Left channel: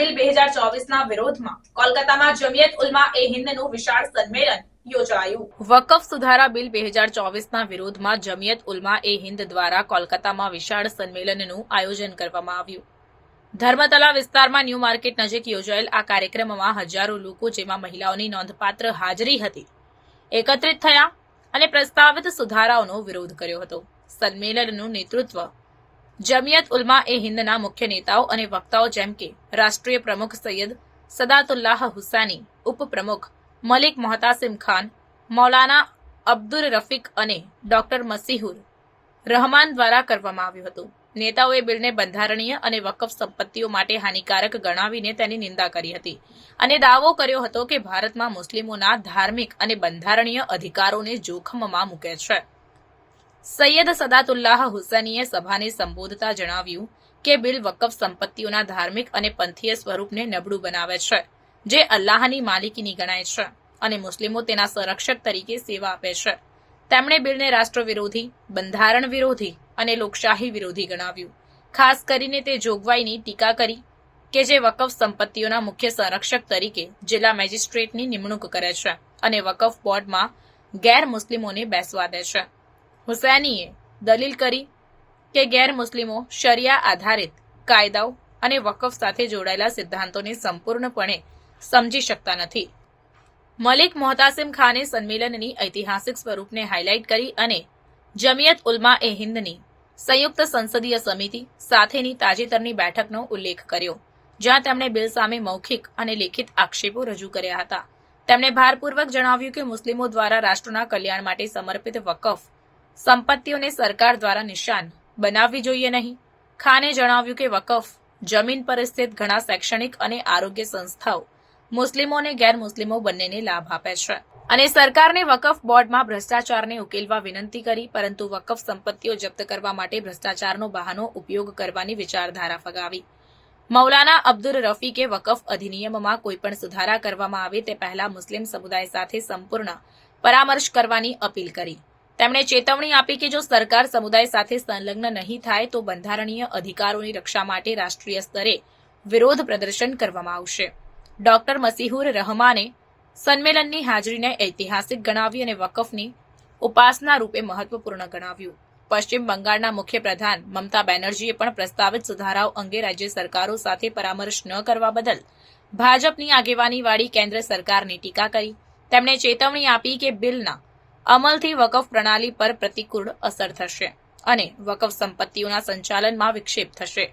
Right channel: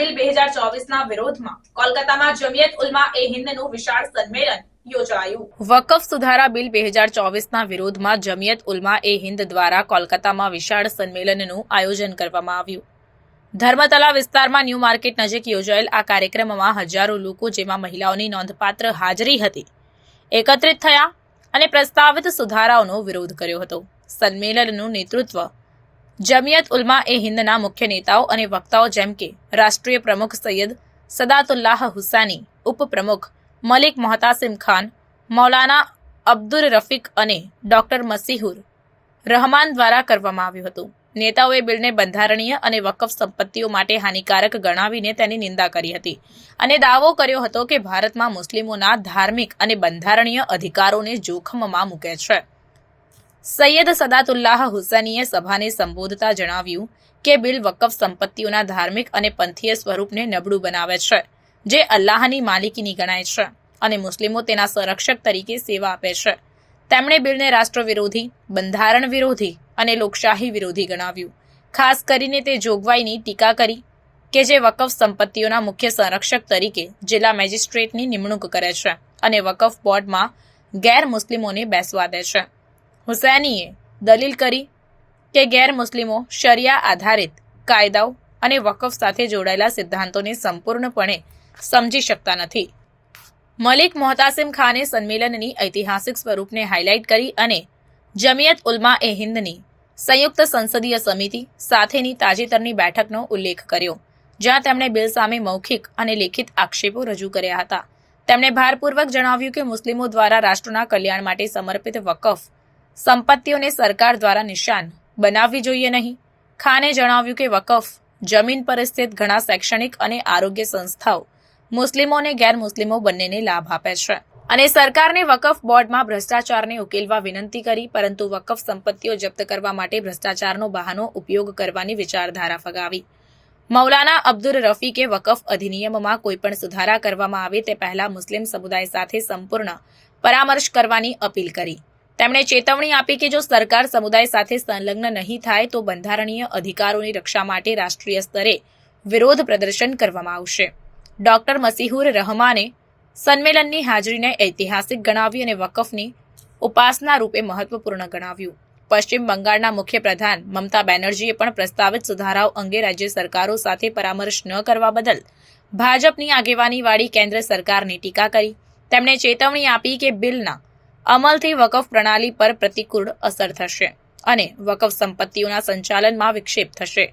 Bill બે હજાર ચોવીસના વિરોધમાં કોલકાતામાં જમિયત ઉલમા એ હિન્દનું વિશાળ સંમેલન વકફ સુધારા બિલ બે હજાર ચોવીસના વિરોધમાં જમિયત ઉલમા એ હિન્દ દ્વારા કોલકાતામાં વિશાળ સંમેલનનું આયોજન કરવામાં આવ્યું. ધર્મતલા વિસ્તારમાં ન્યૂ માર્કેટ નજીક યોજાયેલ આ કાર્યક્રમમાં હજારો લોકો, જેમાં મહિલાઓની નોંધપાત્ર હાજરી હતી, એકત્રિત થયા અને પ્રસ્તાવિત સુધારાઓનો વિરોધ કર્યો હતો. સંમેલનનું નેતૃત્વ જમિયત ઉલમા એ હિન્દના મુખ્ય નેતાઓ અને વક્તાઓ જેમ કે રાષ્ટ્રીય પ્રમુખ સૈયદ સદાતુલ્લાહ હુસાની, ઉપપ્રમુખ મલિક મોહતાસિમ ખાન, મૌલાના અબ્દુર રફીક અને ડોક્ટર મસીહુર રહમાન દ્વારા કરવામાં આવ્યું હતું. નેતાઓએ બિલને બંધારણીય અને વકફ સંપત્તિઓ માટે હાનિકારક ગણાવીને તેની નિંદા કરી હતી અને દાવો કર્યો હતો કે ભારતમાં મુસ્લિમોના ધાર્મિક અને બંધારણીય અધિકારોને જોખમમાં મૂકે છે. સૈયદ સદાતુલ્લાહ હુસૈનીએ સભાને સંબોધતા જણાવ્યું કે બિલ વકફ સંપત્તિઓના ધાર્મિક અને પંથીય સ્વરૂપને નબળું બનાવે છે, જે અલ્લાહની માલિકીની ગણાય છે અને મુસ્લિમો તેના સંરક્ષક તરીકે સેવા આપે છે. તેમણે બિલને રાષ્ટ્ર વિરોધી, બંધારણ વિરોધી અને લોકશાહી વિરોધી ગણાવ્યું. ખાસ કરીને તે જોગવાઈની ટીકા કરી કે જે વકફ સંપત્તિઓના મુખ્ય સંરક્ષક તરીકે જિલ્લા મેજિસ્ટ્રેટની નિમણૂક કરે છે અને વકફ બોર્ડમાં ગેર મુસ્લિમોને બેસવા દે છે. હુસૈનીએ દલીલ કરી કે ગેર મુસ્લિમો શરિયા આધારિત કાયદાઓ અને વકફ સાથે જોડાયેલા સિદ્ધાંતોને સંપૂર્ણપણે સમજી શકતા નથી. મલિક મોહતાસિમ ખાને સંમેલનની ઐતિહાસિક સ્વરૂપને હાઇલાઇટ કરી અને જમિયત ઉલમા એ હિંદની સંયુક્ત સંસદીય સમિતિ સાથેની તાજેતરની બેઠકનો ઉલ્લેખ કર્યો, જ્યાં તેમણે બિલ સામે મૌખિક અને લેખિત આક્ષેપો રજૂ કર્યા હતા. તેમણે ભારપૂર્વક જણાવ્યું કે મુસ્લિમો દ્વારા રાષ્ટ્રના કલ્યાણ માટે સમર્પિત વકફ સંપત્તિઓને સરકાર દ્વારા નિશાન બનાવવી જોઈએ નહીં. ખાને જણાવ્યું કે વકફ, જમીન પર સ્થિત ઘણા શૈક્ષણિક અને આરોગ્ય સંસ્થાઓ મુસ્લિમો અને ગેરમુસ્લિમો બંનેને લાભ આપે છે. અને સરકારને વકફ બોર્ડમાં ભ્રષ્ટાચારને ઉકેલવા વિનંતી કરી, પરંતુ વકફ સંપત્તિઓ જપ્ત કરવા માટે ભ્રષ્ટાચારનો બહાનો ઉપયોગ કરવાની વિચારધારા ફગાવી. મૌલાના અબ્દુલ રફીકે વકફ અધિનિયમમાં કોઈપણ સુધારા કરવામાં આવે તે પહેલા મુસ્લિમ સમુદાય સાથે સંપૂર્ણ પરામર્શ કરવાની અપીલ કરી. તેમણે ચેતવણી આપી કે જો સરકાર સમુદાય સાથે સંલગ્ન નહીં થાય, તો બંધારણીય અધિકારોની રક્ષા માટે રાષ્ટ્રીય સ્તરે વિરોધ પ્રદર્શન કરવામાં આવશે. ડોક્ટર મસીહુર રહમાને સંમેલનની હાજરીને ઐતિહાસિક ગણાવી અને વકફની ઉપાસના રૂપે મહત્વપૂર્ણ ગણાવ્યું. પશ્ચિમ બંગાળના મુખ્ય પ્રધાન મમતા બેનર્જીએ પણ પ્રસ્તાવિત સુધારાઓ અંગે રાજ્ય સરકારો સાથે પરામર્શ ન કરવા બદલ ભાજપની આગેવાનીવાળી કેન્દ્ર સરકારની ટીકા કરી. તેમણે ચેતવણી આપી કે બિલના અમલથી વકફ પ્રણાલી પર પ્રતિકૂળ અસર થશે અને વકફ સંપત્તિઓના સંચાલનમાં વિક્ષેપ થશે.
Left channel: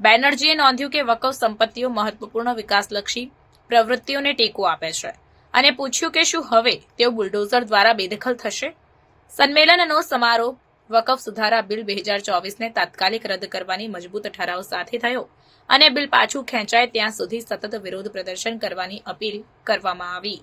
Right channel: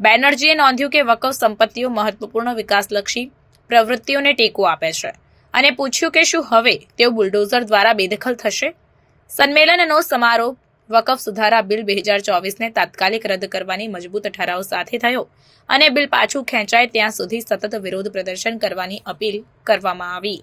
બેનર્જીએ નોંધ્યું કે વકફ સંપત્તિઓ મહત્વપૂર્ણ વિકાસલક્ષી પ્રવૃત્તિઓને ટેકો આપે છે અને પૂછ્યું કે શું હવે તેઓ બુલડોઝર દ્વારા બેદખલ થશે? સંમેલનનો સમારોહ વકફ સુધારા બિલ બે હજાર ચોવીસને તાત્કાલિક રદ કરવાની મજબૂત ઠરાવ સાથે થયો અને બિલ પાછું ખેંચાય ત્યાં સુધી સતત વિરોધ પ્રદર્શન કરવાની અપીલ કરવામાં આવી.